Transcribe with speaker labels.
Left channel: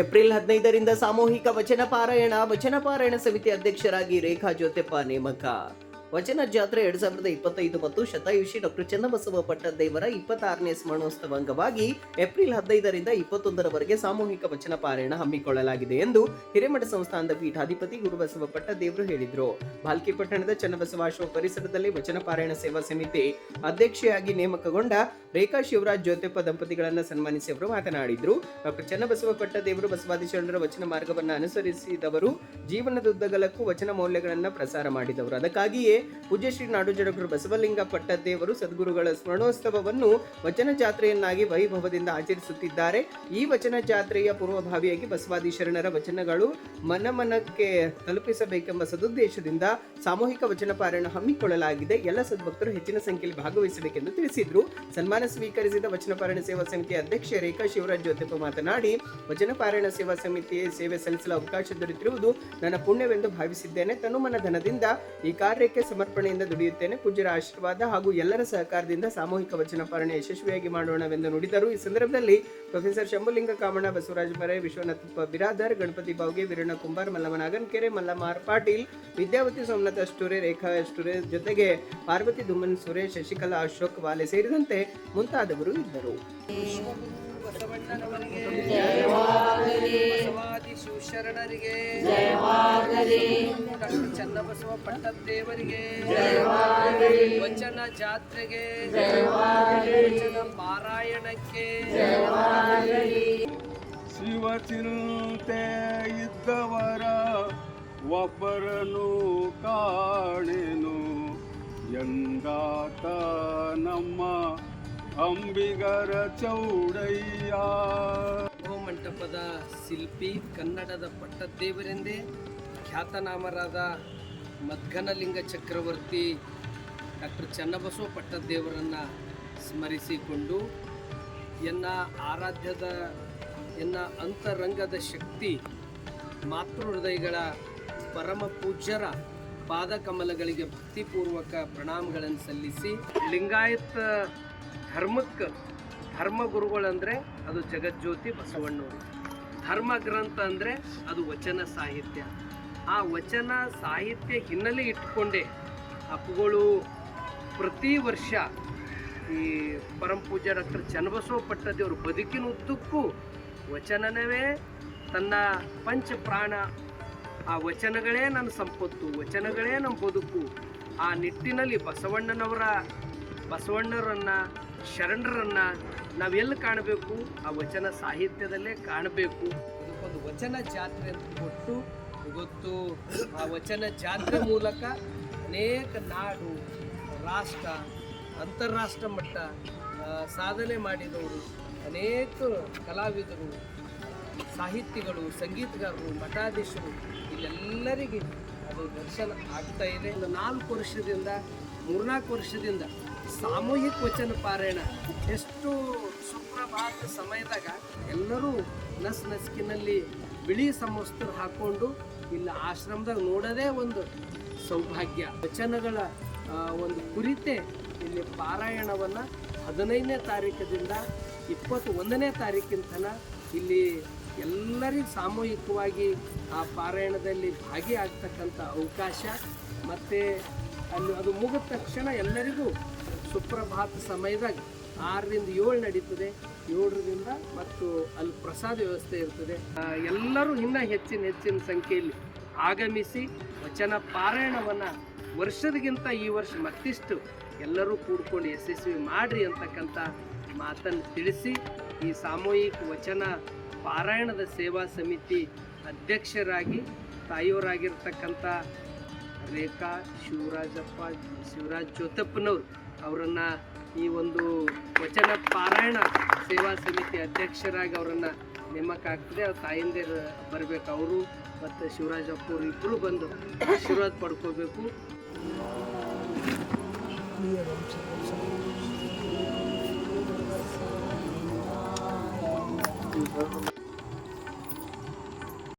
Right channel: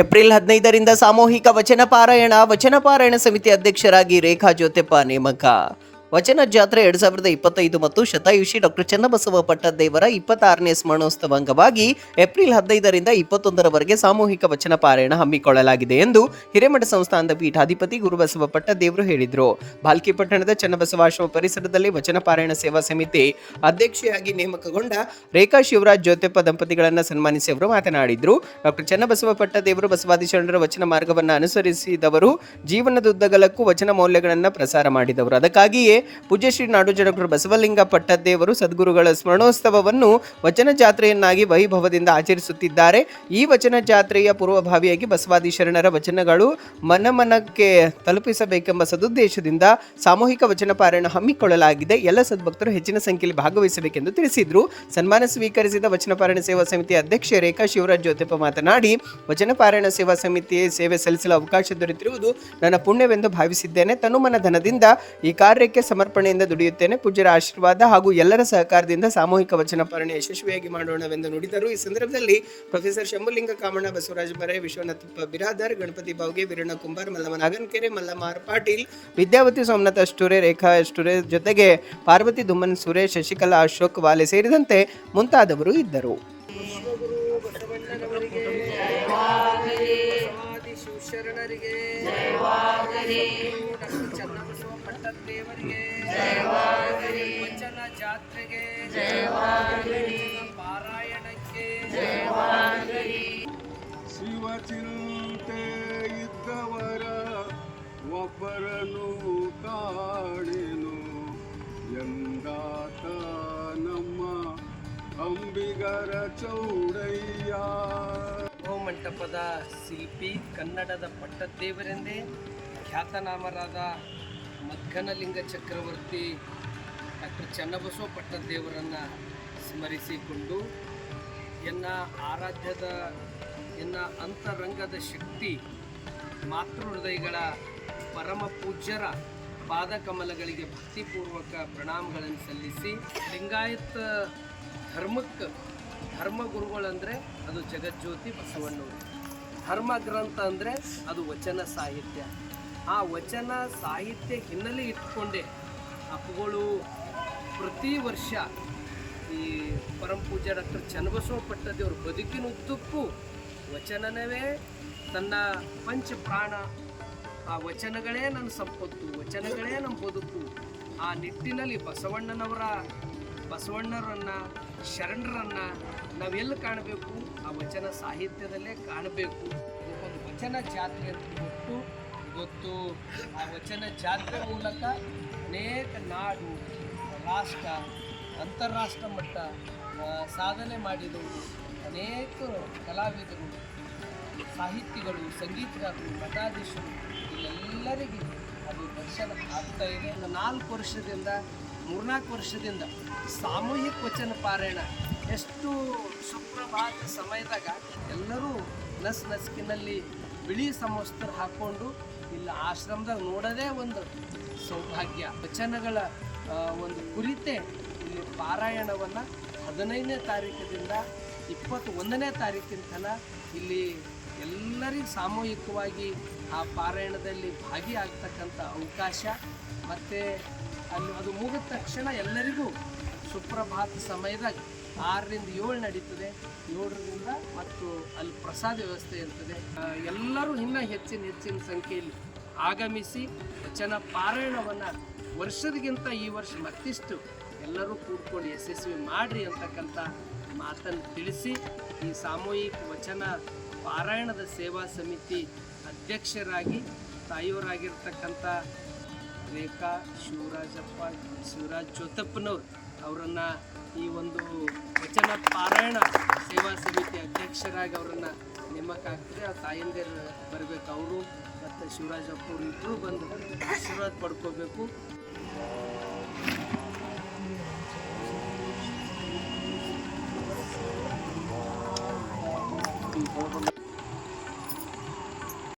Speaker 1: April ಹದಿನೈದರಿಂದ ಸಾಮೂಹಿಕ ವಚನ ಪಾರಾಯಣ ವಚನ ಪಾರಾಯಣ ಸಮಿತಿ ಅಧ್ಯಕ್ಷರಾಗಿ ರೇಖಾ ಜ್ಯೋತಿಪ್ಪ ನೇಮಕ. ವಚನ ಜಾತ್ರೆ ಎರಡ್ ಸಾವಿರದ ಇಪ್ಪತ್ತೈದು ಮತ್ತು ಶತಾಯುಷಿ ಡಾಕ್ಟರ್ ಚನ್ನಬಸವ ಪಟ್ಟದೇವರ ಇಪ್ಪತ್ತಾರನೇ ಸ್ಮರಣೋತ್ಸವ ಅಂಗವಾಗಿ ಏಪ್ರಿಲ್ ಹದಿನೈದರಿಂದ ಇಪ್ಪತ್ತೊಂದರವರೆಗೆ ಸಾಮೂಹಿಕ ವಚನ ಪಾರಾಯಣ ಹಮ್ಮಿಕೊಳ್ಳಲಾಗಿದೆ ಎಂದು ಹಿರೇಮಠ ಸಂಸ್ಥಾನದ ಪೀಠಾಧಿಪತಿ ಗುರುಬಸವ ಪಟ್ಟದೇವರು ಹೇಳಿದರು. ಬಾಲ್ಕಿ ಪಟ್ಟಣದ ಚನ್ನಬಸವಾಶ್ರಮ ಪರಿಸರದಲ್ಲಿ ವಚನ ಪಾರಾಯಣ ಸೇವಾ ಸಮಿತಿ ಅಧ್ಯಕ್ಷೆಯಾಗಿ ನೇಮಕಗೊಂಡ ರೇಖಾ ಶಿವರಾಜ್ ಜ್ಯೋತಿಪ್ಪ ದಂಪತಿಗಳನ್ನು ಸನ್ಮಾನಿಸಿ ಅವರು ಮಾತನಾಡಿದರು. ಡಾಕ್ಟರ್ ಚನ್ನಬಸವ ಪಟ್ಟದೇವರು ಬಸವಾದಿ ಶರಣರ ವಚನ ಮಾರ್ಗವನ್ನು ಅನುಸರಿಸಿದವರು. ಜೀವನದುದ್ದಗಲಕ್ಕೂ ವಚನ ಮೌಲ್ಯಗಳನ್ನು ಪ್ರಸಾರ ಮಾಡಿದವರು. ಅದಕ್ಕಾಗಿಯೇ ಪೂಜ್ಯ ಶ್ರೀ ನಾಡೋಜ ಡಾಕ್ಟರ್ ಬಸವಲಿಂಗ ಪಟ್ಟದ್ದೇವರು ಸದ್ಗುರುಗಳ ಸ್ಮರಣೋತ್ಸವವನ್ನು ವಚನ ಜಾತ್ರೆಯನ್ನಾಗಿ ವೈಭವದಿಂದ ಆಚರಿಸುತ್ತಿದ್ದಾರೆ. ಈ ವಚನ ಜಾತ್ರೆಯ ಪೂರ್ವಭಾವಿಯಾಗಿ ಬಸವಾದಿ ಶರಣರ ವಚನಗಳು ಮನಮನಕ್ಕೆ ತಲುಪಿಸಬೇಕೆಂಬ ಸದುದ್ದೇಶದಿಂದ ಸಾಮೂಹಿಕ ವಚನ ಪಾರಾಯಣ ಹಮ್ಮಿಕೊಳ್ಳಲಾಗಿದೆ. ಎಲ್ಲ ಸದ್ಭಕ್ತರು ಹೆಚ್ಚಿನ ಸಂಖ್ಯೆಯಲ್ಲಿ ಭಾಗವಹಿಸಬೇಕೆಂದು ತಿಳಿಸಿದರು. ಸನ್ಮಾನ ಸ್ವೀಕರಿಸಿದ ವಚನ ಪಾರಾಯಣ ಸೇವಾ ಸಮಿತಿ ಅಧ್ಯಕ್ಷೆ ರೇಖಾ ಶಿವರಾಜ್ ಜ್ಯೋತಿಪ್ಪ ಮಾತನಾಡಿ, ವಚನ ಪಾರಾಯಣ ಸೇವಾ ಸಮಿತಿ ಸೇವೆ ಸಲ್ಲಿಸಲು ಅವಕಾಶ ದೊರೆತಿರುವುದು ನನ್ನ ಪುಣ್ಯವೆಂದು ಭಾವಿಸಿದ್ದೇನೆ. ತನುಮನ ಧನದಿಂದ ಈ ಕಾರ್ಯಕ್ಕೆ ಸಮರ್ಪಣೆಯಿಂದ ದುಡಿಯುತ್ತೇನೆ. ಪೂಜ್ಯರ ಆಶೀರ್ವಾದ ಹಾಗೂ ಎಲ್ಲರ ಸಹಕಾರದಿಂದ ಸಾಮೂಹಿಕ ವಚನ ಪಾಲನೆ ಯಶಸ್ವಿಯಾಗಿ ಮಾಡೋಣವೆಂದು ನುಡಿದರು. ಈ ಸಂದರ್ಭದಲ್ಲಿ ಪ್ರೊಫೆಸರ್ ಶಂಭುಲಿಂಗ ಕಾಮಣ್ಣ, ಬಸವರಾಜ ಬರೆ, ವಿಶ್ವನಾಥಪ್ಪ ಬಿರಾದರ್, ಗಣಪತಿ ಬಾವ್ಗೆ ವೀರಣ್ಣ ಕುಂಬಾರ್ ಮಲ್ಲಮ್ಮ ನಾಗನ್ಕೆರೆ ಮಲ್ಲಮ್ಮ ಪಾಟೀಲ್, ವಿದ್ಯಾವತಿ ಸೋಮನಾಥ್ ಅಷ್ಟೂರೆ, ರೇಖಾ ಅಷ್ಟೂರೆ ಜೊತೆಗೆ ಪಾರ್ವತಿ ದುಮ್ಮನ್ ಸುರೇಶ್, ಶಶಿಕಲಾ, ಅಶೋಕ್ ವಾಲೆ ಸೇರಿದಂತೆ ಮುಂತಾದವರು ಇದ್ದರು.
Speaker 2: ಶರಣರಿಗೆ ಡಾಕ್ಟರ್ ಚನ್ನಬಸವ ಪಟ್ಟದೇವರಿಗೆ ವಚನ ಜಾತ್ರೆಗೆ. ವಚನ ಪಾರಾಯಣಕ್ಕೆ.
Speaker 3: ಶಿವಚಿಂತೆ ಇದ್ದವರ ಒಬ್ಬರನು ಕಾಣೆನು. ಎಂದಾತ ನಮ್ಮ ಅಂಬಿಗರ ಚೌಡಯ್ಯ.
Speaker 2: ಓ ಮಂಟಪದ ಶಿಲ್ಪಿ ಕನ್ನಡದ ಪಟ್ಟದೇವರೆಂದೇ ಖ್ಯಾತನಾಮರಾದ ಮದ್ಗನಲಿಂಗ ಚಕ್ರವರ್ತಿ ಡಾಕ್ಟರ್ ಚನ್ನಬಸವ ಪಟ್ಟದೇವರನ್ನು ಸ್ಮರಿಸಿಕೊಂಡು ಎನ್ನ ಆರಾಧ್ಯದ, ಎನ್ನ ಅಂತರಂಗದ ಶಕ್ತಿ ಮಾತೃ ಹೃದಯಗಳ ಪರಮ ಪೂಜ್ಯರ ಪಾದಕಮಲಗಳಿಗೆ ಭಕ್ತಿಪೂರ್ವಕ ಪ್ರಣಾಮಗಳನ್ನು ಸಲ್ಲಿಸಿ ಲಿಂಗಾಯತ ಧರ್ಮಕ್ಕೆ ಧರ್ಮ ಗುರುಗಳಂದರೆ ಅದು ಜಗಜ್ಯೋತಿ ಬಸವಣ್ಣವರು. ಧರ್ಮ ಗ್ರಂಥ ಅಂದರೆ ಅದು ವಚನ ಸಾಹಿತ್ಯ. ಆ ವಚನ ಸಾಹಿತ್ಯ ಹಿನ್ನೆಲೆ ಇಟ್ಕೊಂಡೆ. ಅಪ್ಪುಗಳು ಪ್ರತಿ ವರ್ಷ ಈ ಪರಮ ಪೂಜಾ ಡಾಕ್ಟರ್ ಚನ್ನಬಸವ ಪಟ್ಟದೇವ್ರ ಬದುಕಿನ ಉದ್ದಕ್ಕೂ ವಚನವೇ ತನ್ನ ಪಂಚ ಪ್ರಾಣ. ಆ ವಚನಗಳೇ ನನ್ನ ಸಂಪತ್ತು, ವಚನಗಳೇ ನಮ್ಮ ಬದುಕು. ಆ ನಿಟ್ಟಿನಲ್ಲಿ ಬಸವಣ್ಣನವರ, ಬಸವಣ್ಣರನ್ನ, ಶರಣರನ್ನ ನಾವೆಲ್ಲಿ ಕಾಣಬೇಕು? ಆ ವಚನ ಸಾಹಿತ್ಯದಲ್ಲೇ ಕಾಣಬೇಕು. ಇದಕ್ಕೊಂದು ವಚನ ಜಾತ್ರೆ ಅಂತ ಕೊಟ್ಟು ಇವತ್ತು ಆ ವಚನ ಜಾತ್ರೆ ಮೂಲಕ ಅನೇಕ ನಾಡು, ರಾಷ್ಟ್ರ, ಅಂತಾರಾಷ್ಟ್ರ ಮಟ್ಟ ಸಾಧನೆ ಮಾಡಿದವರು ಅನೇಕ ಕಲಾವಿದರು, ಸಾಹಿತಿಗಳು, ಸಂಗೀತಗಾರರು, ಮಠಾಧೀಶರು, ಇಲ್ಲೆಲ್ಲರಿಗೆ ಅದು ದರ್ಶನ ಆಗ್ತಾ ಇದೆ. ನಾಲ್ಕು ವರ್ಷದಿಂದ, ಮೂರ್ನಾಲ್ಕು ವರ್ಷದಿಂದ ಸಾಮೂಹಿಕ ವಚನ ಪಾರಾಯಣ ಎಷ್ಟು ಸುಪ್ರಭಾತ ಸಮಯದಾಗ ಎಲ್ಲರೂ ನಸ್ ನಸುಕಿನಲ್ಲಿ ಬಿಳಿ ಸಮವಸ್ತ್ರ ಹಾಕ್ಕೊಂಡು ಇಲ್ಲಿ ಆಶ್ರಮದಾಗ ನೋಡೋದೇ ಒಂದು ಸೌಭಾಗ್ಯ. ವಚನಗಳ ಒಂದು ಕುರಿತೆ ಇಲ್ಲಿ ಪಾರಾಯಣವನ್ನು ಹದಿನೈದನೇ ತಾರೀಕದಿಂದ ಇಪ್ಪತ್ತು ಒಂದನೇ ತಾರೀಕಿನ ತನಕ ಇಲ್ಲಿ ಎಲ್ಲರಿಗೂ ಸಾಮೂಹಿಕವಾಗಿ ಆ ಪಾರಾಯಣದಲ್ಲಿ ಭಾಗಿಯಾಗ್ತಕ್ಕಂಥ ಅವಕಾಶ. ಮತ್ತು ಅಲ್ಲಿ ಅದು ಮುಗಿದ ತಕ್ಷಣ ಎಲ್ಲರಿಗೂ ಸುಪ್ರಭಾತ ಸಮಯದಾಗ ಆರರಿಂದ ಏಳು ನಡೀತದೆ. ಏಳರಿಂದ ಮತ್ತು ಅಲ್ಲಿ ಪ್ರಸಾದ ವ್ಯವಸ್ಥೆ ಇರ್ತದೆ. ಎಲ್ಲರೂ ಇನ್ನೂ ಹೆಚ್ಚಿನ ಹೆಚ್ಚಿನ ಸಂಖ್ಯೆಯಲ್ಲಿ ಆಗಮಿಸಿ ವಚನ ಪಾರಾಯಣವನ್ನು ವರ್ಷದಗಿಂತ ಈ ವರ್ಷ ಮತ್ತಿಷ್ಟು ಎಲ್ಲರೂ ಕೂಡ್ಕೊಂಡು ಯಶಸ್ವಿ ಮಾಡಿರಿ ಅಂತಕ್ಕಂಥ ಮಾತನ್ನು ತಿಳಿಸಿ ಈ ಸಾಮೂಹಿಕ ವಚನ ಪಾರಾಯಣದ ಸೇವಾ ಸಮಿತಿ ಅಧ್ಯಕ್ಷರಾಗಿ ತಾಯಿಯವರಾಗಿರ್ತಕ್ಕಂಥ ರೇಖಾ ಶಿವರಾಜಪ್ಪ ಶಿವರಾಜ್ ಜೋತಪ್ಪನವ್ರು ಅವರನ್ನು ಈ ಒಂದು ವಚನ ಪಾರಾಯಣ ಸೇವಾ ಸಮಿತಿ ಅಧ್ಯಕ್ಷರಾಗಿ ಅವರನ್ನು ನೇಮಕ ಆಗ್ತದೆ. ಆ ತಾಯಂದಿರು ಬರಬೇಕು ಅವರು, ಮತ್ತು ಶಿವರಾಜಪ್ಪ ಇಬ್ಬರು ಬಂದು ಆಶೀರ್ವಾದ ಪಡ್ಕೋಬೇಕು.